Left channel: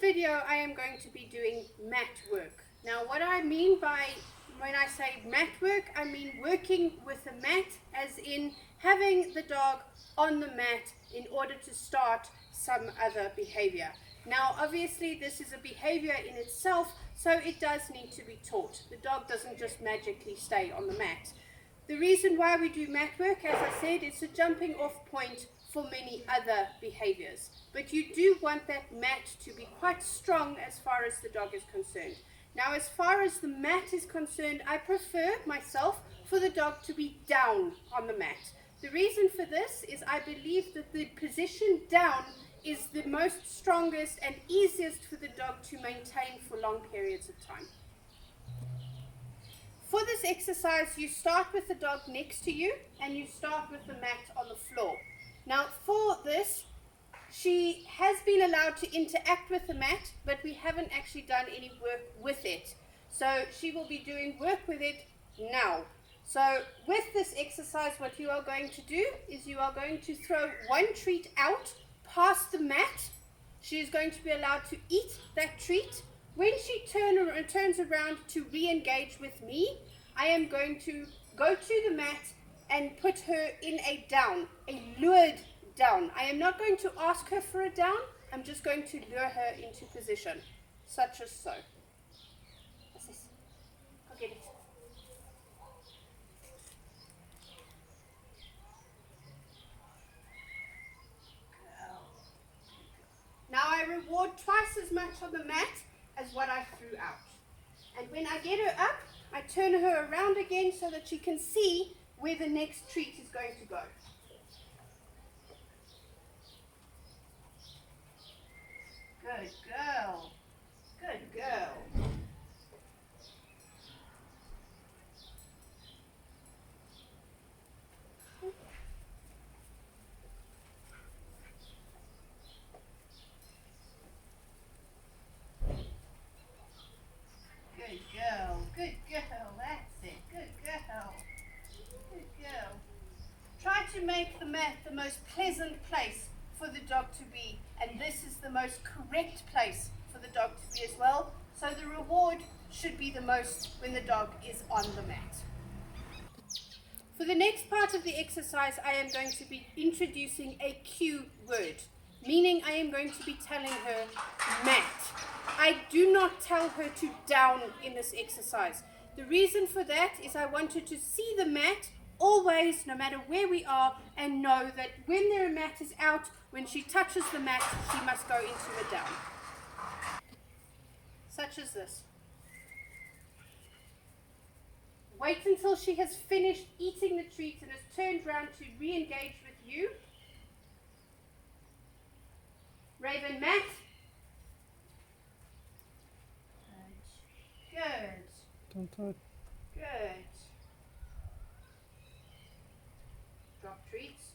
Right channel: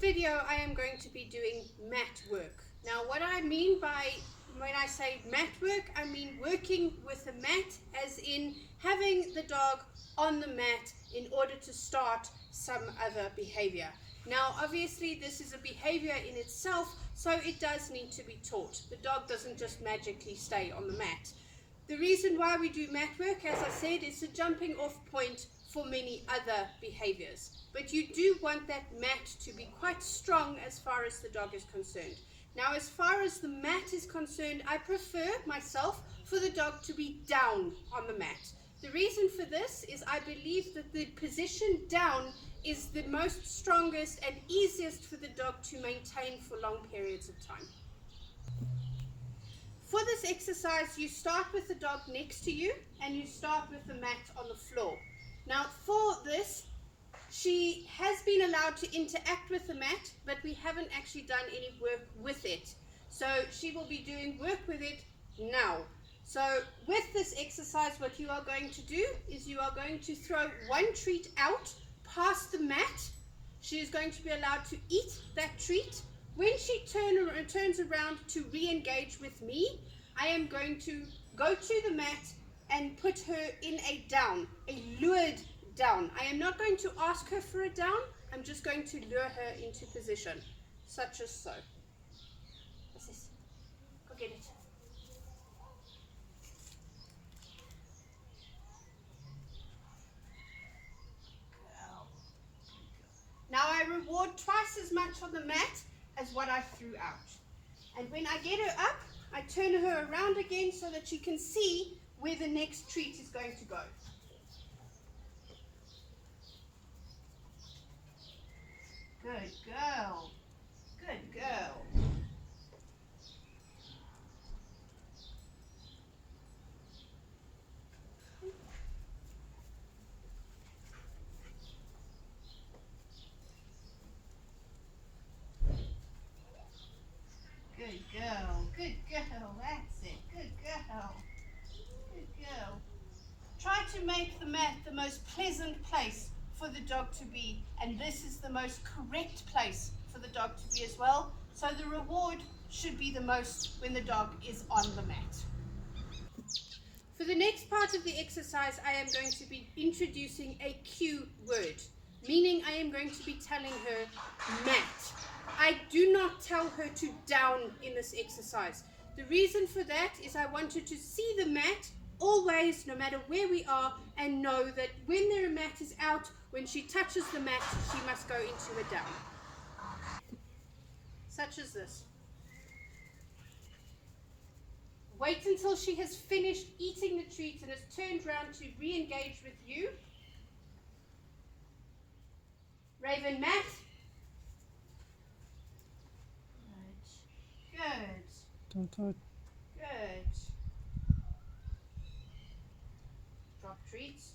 video I am going to be doing mat work. Now what I mean by when I say mat work, I mean working with a mat as in having the dog on the mat in order to start some other behavior. Now obviously this is a behavior in itself, so it does need to be taught. The dog doesn't just magically stay on the mat. The reason why we do mat work, as I said, is a jumping off point for many other behaviors. But you do want that mat to be quite strong as far as the dog is concerned. Now, as far as the mat is concerned, I prefer myself for the dog to be down on the mat. The reason for this is I believe that the position down is the most strongest and easiest for the dog to maintain for long periods of time. For this exercise, you start with the dog next to you and you start with the mat on the floor. Now for this, she has been allowed to interact with the mat, but we haven't actually done any work with it. So she will be doing work with it now. So with this exercise, what you are going to do is you are going to throw one treat out past the mat. She is going to be allowed to eat that treat. When she turns around to re-engage with me, I am going to go to the mat and put her in a down, a lured down. I am not going to ask her for a down. I'm just going to lure her into position, such as so. What's this? Go get it. Now I reward twice as much on the mat as what I threw out. And when I get her up, I turn her around again so that she can see where the next treat is going to go. Good girl. Good girl. Good girl. Good girl. That's it. Good girl. Good girl. Try to make the mat the most pleasant place for the dog to be, and this is the most correct place for the dog to be as well. So the reward should be the most when the dog is on the mat. For the next part of the exercise, I am going to be introducing a cue word, meaning I am going to be telling her mat. I do not tell her to down in this exercise. The reason for that is I want her to see the mat always, no matter where we are, and know that when their mat is out, when she touches the mat, she must go into a down. Such as this. Wait until she has finished eating the treat and has turned round to re-engage with you. Raven, mat. Good. Don't touch. Good. Drop treats.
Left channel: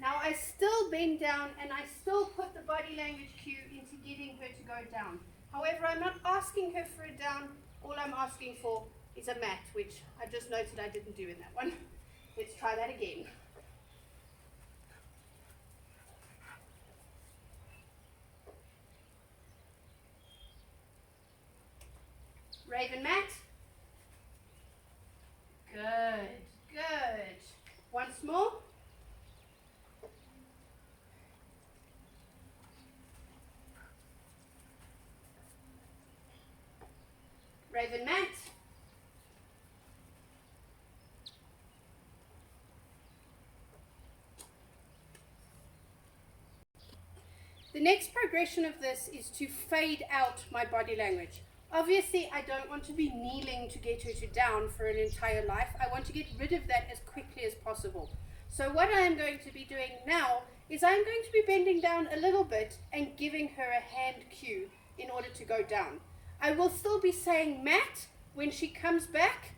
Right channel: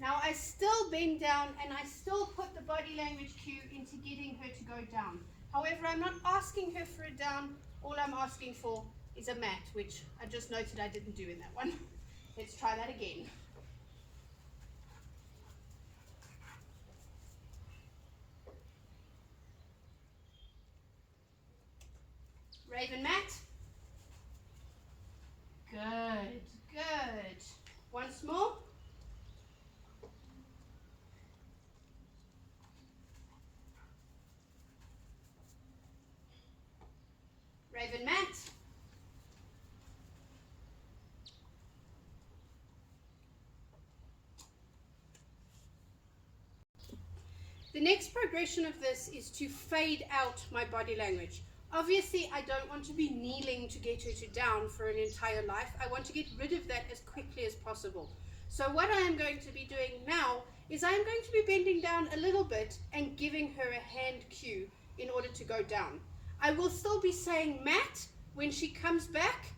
Now I still bend down and I still put the body language cue into getting her to go down. However, I'm not asking her for a down. All I'm asking for is a mat, which I just noted I didn't do in that one. Let's try that again. Raven, mat. Good, good. Once more. Raven, mat. The next progression of this is to fade out my body language. Obviously, I don't want to be kneeling to get her to down for an entire life. I want to get rid of that as quickly as possible. So what I am going to be doing now is I'm going to be bending down a little bit and giving her a hand cue in order to go down. I will still be saying mat when she comes back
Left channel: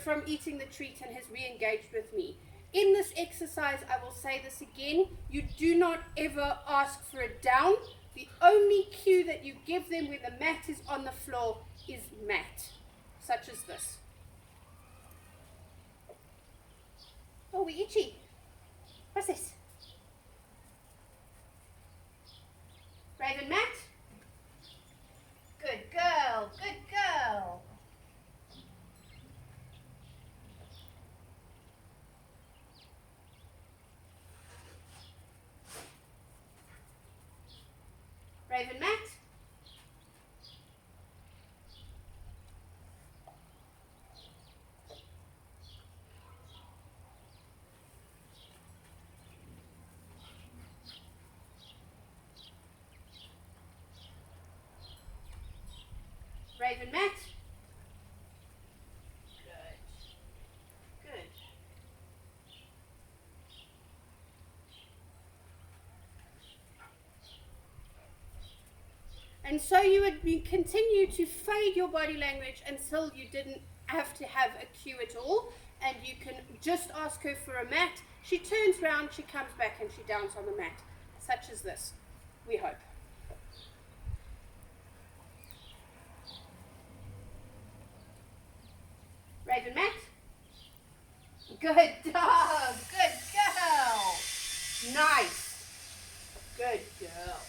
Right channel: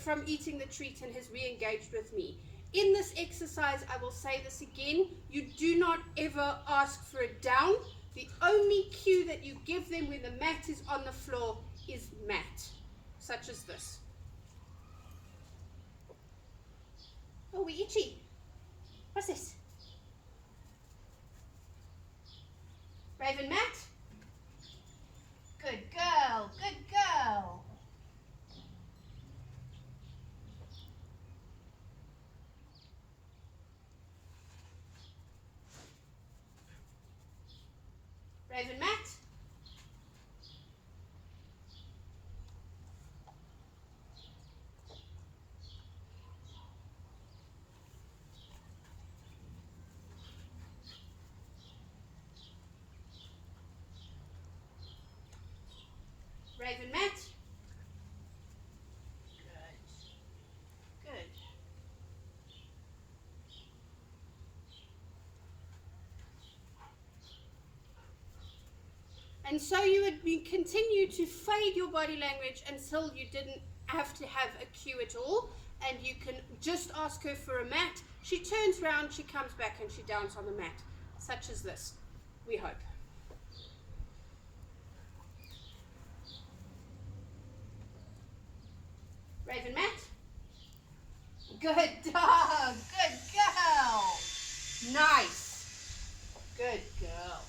from eating the treat and has re-engaged with me. In this exercise, I will say this again, you do not ever ask for a down. The only cue that you give them when the mat is on the floor is mat, such as this. Oh, we're itchy. What's this? Raven mat. Good girl, good girl. Raven mat. Raven mat. Good. Good. And so you would continue to fade your body language until you didn't have to have a cue at all, and you can just ask her for a mat. She turns around, she comes back, and she downs on the mat, such as this, we hope. Raven mat. Good dog, good girl. Nice. Good girl.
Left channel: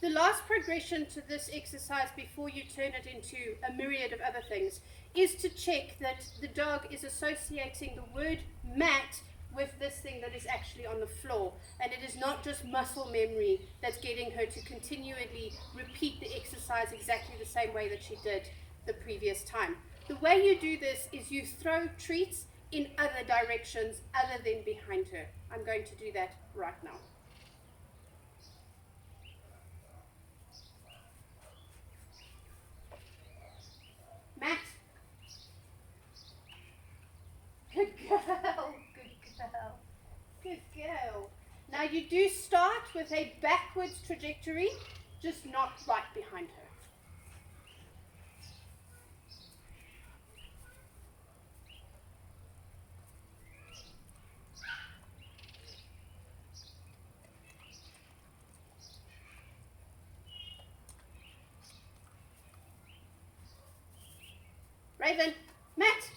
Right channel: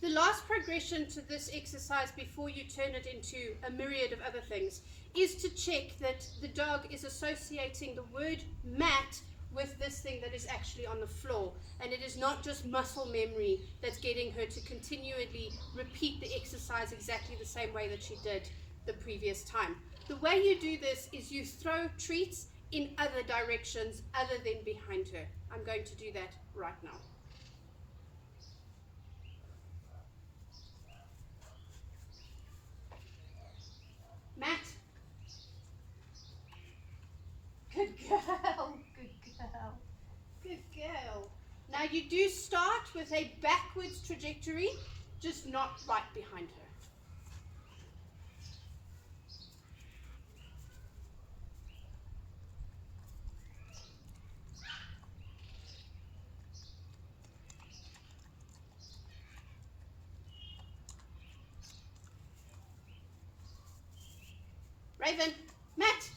The last progression to this exercise before you turn it into a myriad of other things is to check that the dog is associating the word mat with this thing that is actually on the floor, and it is not just muscle memory that's getting her to continually repeat the exercise exactly the same way that she did the previous time. The way you do this is you throw treats in other directions other than behind her. I'm going to do that right now. Mat. Good girl, good girl, good girl. Now you do start with a backwards trajectory, just not right behind her. Raven, mat.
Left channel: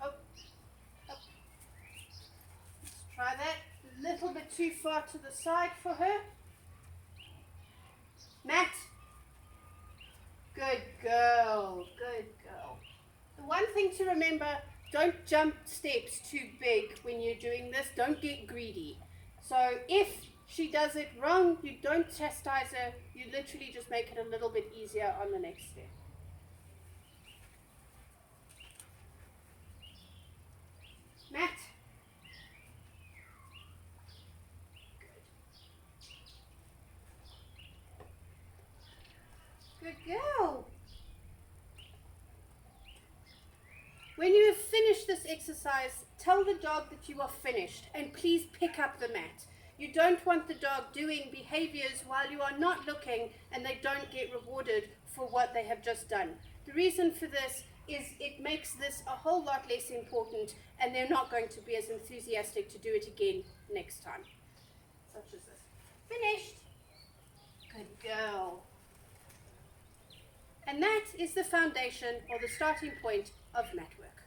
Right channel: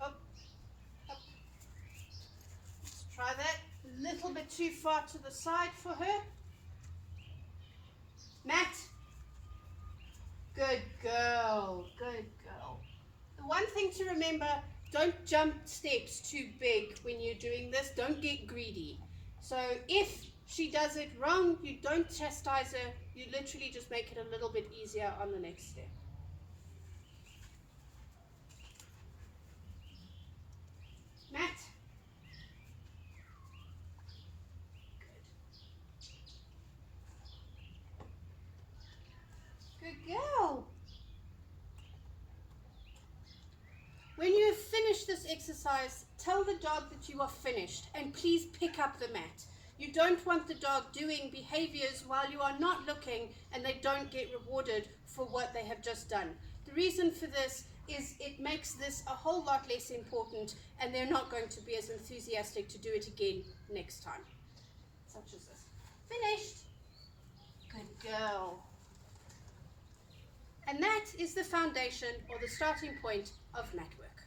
Up, up. Let's try that. A little bit too far to the side for her. Mat. Good girl, good girl. The one thing to remember, don't jump steps too big when you're doing this. Don't get greedy. So if she does it wrong, you don't chastise her. You literally just make it a little bit easier on the next step. Mat. Good girl. When you have finished this exercise, tell the dog that you are finished, and please pick up the mat. You don't want the dog doing behaviors while you are not looking and they don't get rewarded for what they have just done. The reason for this is it makes this a whole lot less important, and they're not going to be as enthusiastic to do it again next time. Such as this. Finished. Good girl. And that is the foundation or the starting point of mat work.